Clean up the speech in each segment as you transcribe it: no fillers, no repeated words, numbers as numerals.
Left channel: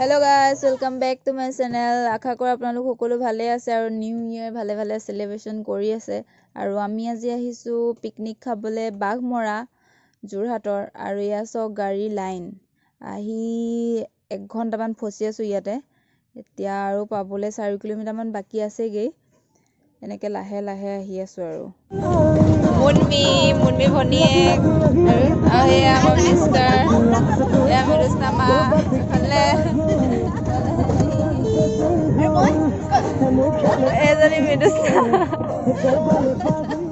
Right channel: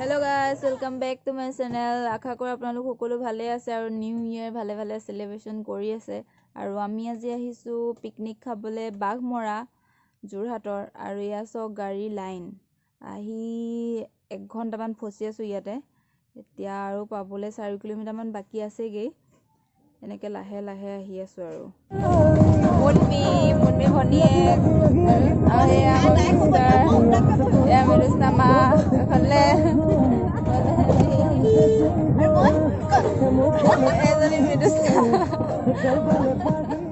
Hello' guys, welcome back to my channel. আশা কৰোঁ আপোনালোক সকলো ভালে আছে আৰু নিউ ইয়েৰ ভালে ভালে চেলিব্ৰেশ্যন কৰি আছে। আৰু আমি আজি আহিছোঁ পিকনিক খাবলৈ বাঘমৰা যোৰহাটৰ। আৰু এয়া চাওক গাড়ী লাইন আহি 1 ঘণ্টামান ফচি আছোঁ ইয়াতে। এতিয়া আৰু পাবলৈ 4 কিলোমিটাৰমান বাকী আছেগৈ। এনেকৈ লাহে লাহে আহি আছোঁ আৰু মুনমি ভনীয়েক আৰু এয়া আমাৰ মিষ্টাৰ, এয়া মৰুস্নামা, ইফালে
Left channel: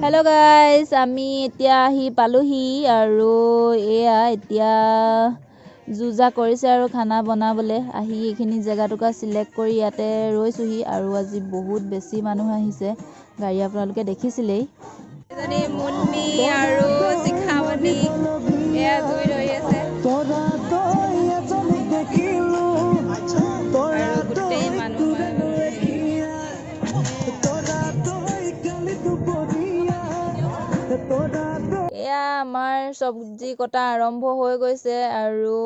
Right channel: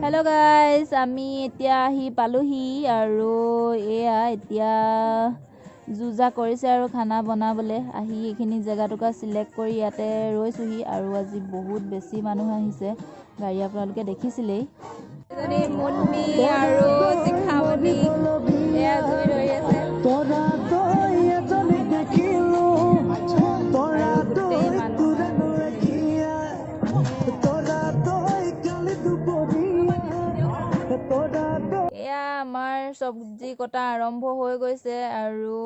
হেল্ল' গাইজ, আমি এতিয়া আহি পালোহি আৰু এয়া এতিয়া যুজা কৰিছে আৰু খানা বনাবলৈ। আহি এইখিনি জেগাটুকুৰা চিলেক্ট কৰি ইয়াতে ৰৈছোঁহি। আৰু আজি বহুত বেছি মানুহ আহিছে, গাড়ী আপোনালোকে দেখিছিলেই। এজনী মুনমি আৰু শিখামণি এয়া জুই ধৰি আছে আৰু গোটেই মানুহ এয়া আমাৰ চব্জি কটা আৰম্ভ হৈ গৈছে আৰু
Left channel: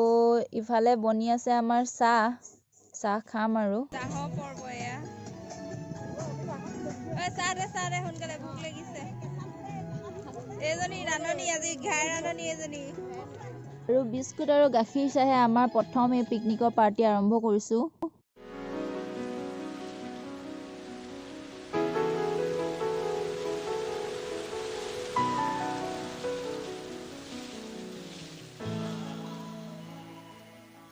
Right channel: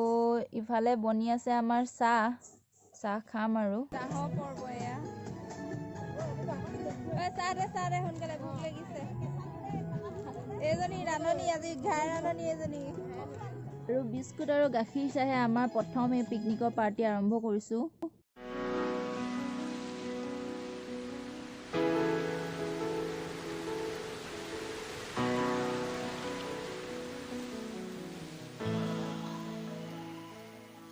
ইফালে বনি আছে আমাৰ চাহ খাম আৰু চাহৰ পৰ্ব। এয়া চাহ দে সোনকালে, ভোক লাগিছে। এজনী ৰান্ধনী, আজি ঘাই ৰান্ধনী এজনী। আৰু বিস্কুট আৰু গাখীৰ চাহে আমাৰ প্ৰথম এই পিকনিকৰ পাৰ্টি আৰম্ভ কৰিছোঁ।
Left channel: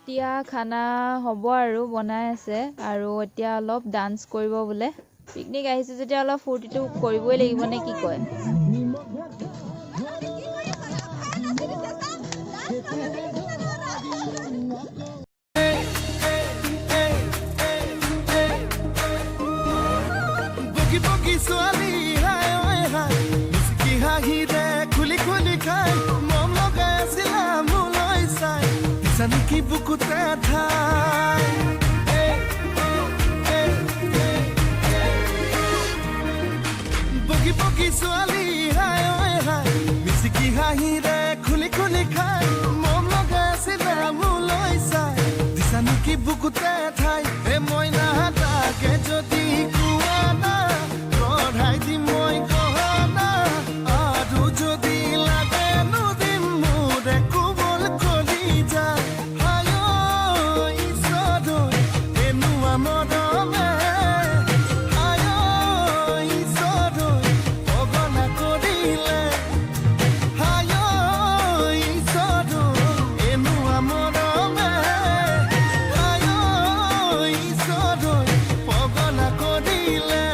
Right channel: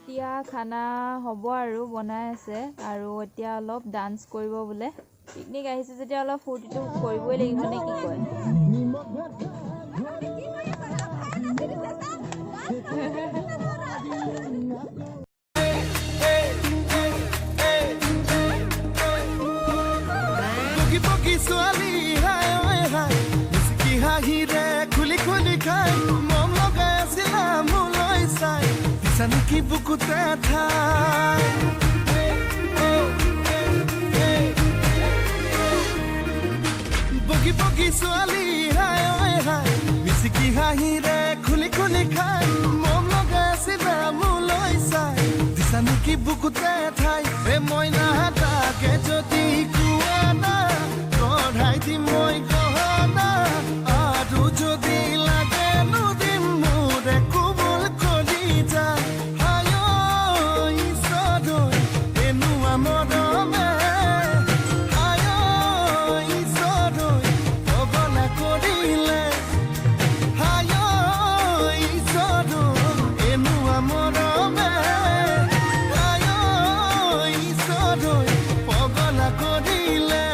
এতিয়া খানা হ'ব আৰু বনাই আছে। আৰু এতিয়া অলপ ডান্স কৰিব বোলে। পিকনিক আহিছে যেতিয়া অলপ ফূৰ্তিটো কৰিবই লাগিব নে কি কয়? ছোৱালী হাই হাই মিচকি হাঁহিৰে খুলি খুলি খাই মম লগাই আছিলা মোলৈ চাই দিছা নেকি বুকুতে ঠাই বগী বগী ছোৱালী হাই হাই মিচকি হাঁহিৰে খুলি খুলি খাই মম লগাই আছিলা মোলৈ চাই দিছা নেকি বুকুতে ঠাই এ মইনা তাকে যদি কোৱা না কঢ়াই দিম মই গহনা আৰু যদি লাগে নদিম মোৰে কোমল কলি যায় হায় ঈশ্বৰ এনেকুৱা মৰমে হায় ঈশ্বৰ পগলা কৰিলে হায় ঈশ্বৰ এনেকুৱা মৰমে হায় ঈশ্বৰ পগলা কৰিলে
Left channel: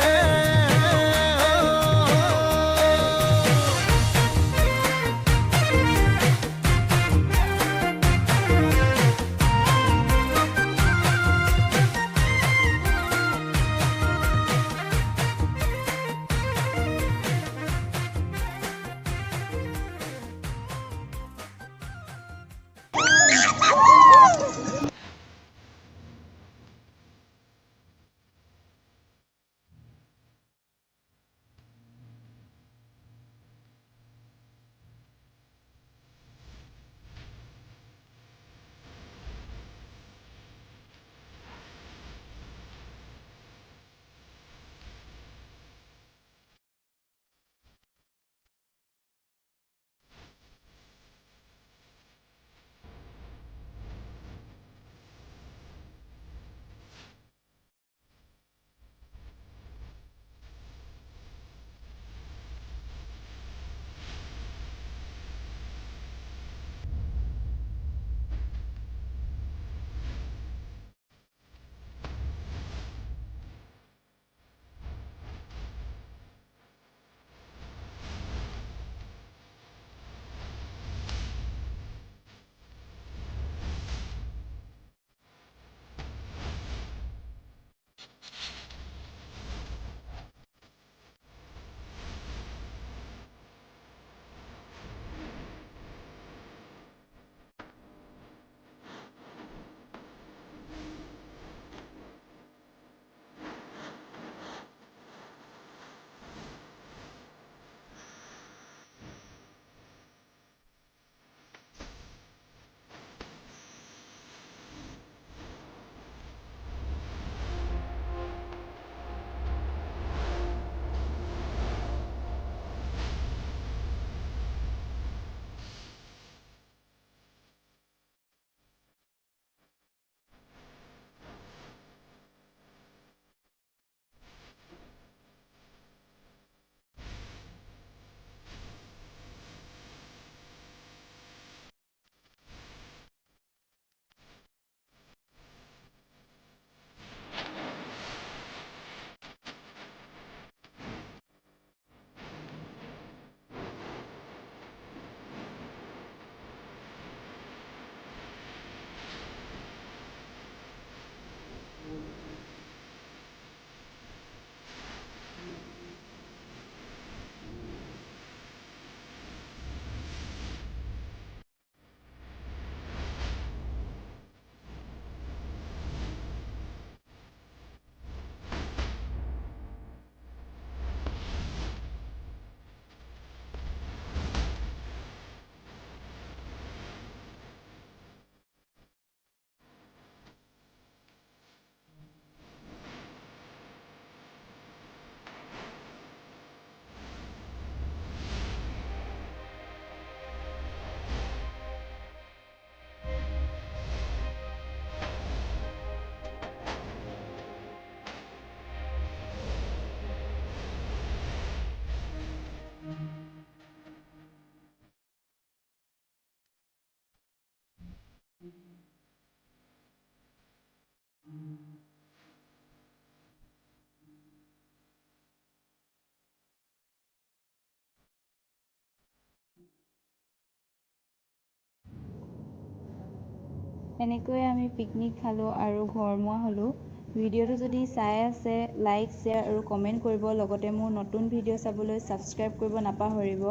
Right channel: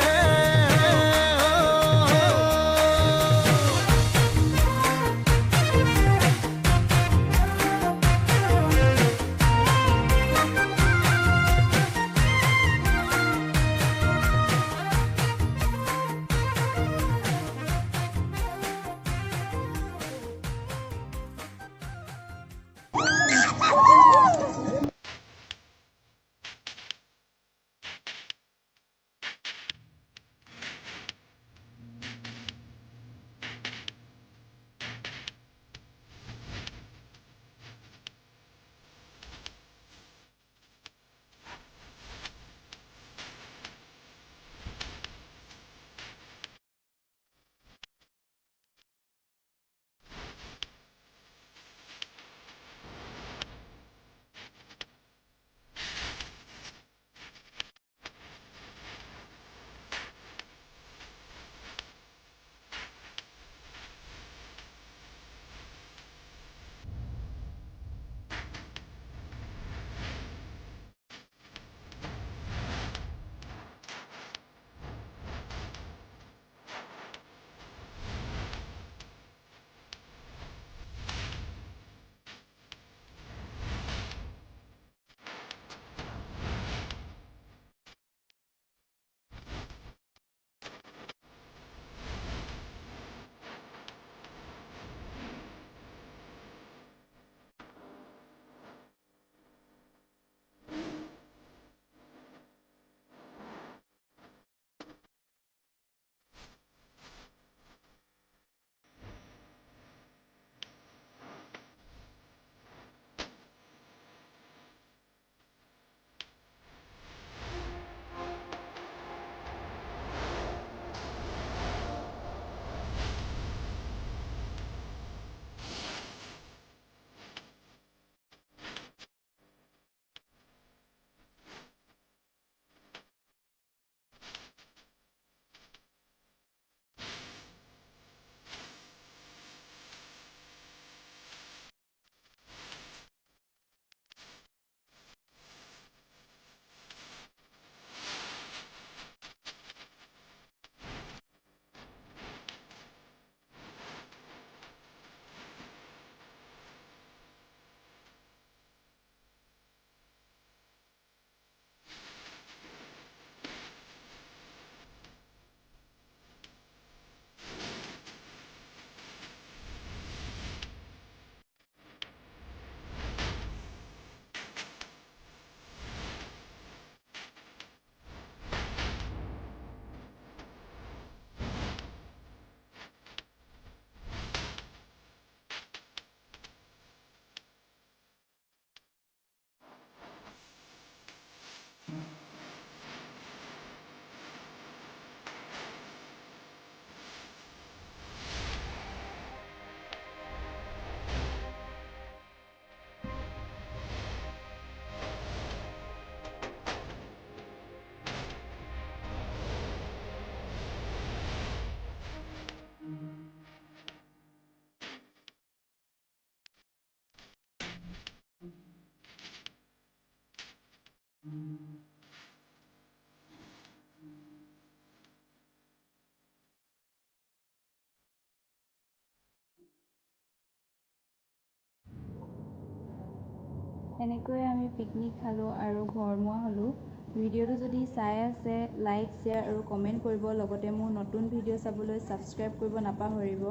এনেকৈয়ে আমি পিকনিক খালোঁ আৰু ঘৰমুৱা হ'লোঁ। ভিডিঅ'টো যদি চাই আছে লাইক শ্বেয়াৰ আৰু কমেণ্ট কৰিব, লগতে মোৰ নতুন ভিডিঅ' চাবলৈ ছাবস্ক্ৰাইব কৰিব নাপাহৰিব।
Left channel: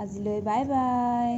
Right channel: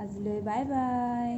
আজিলৈ বাই বাই।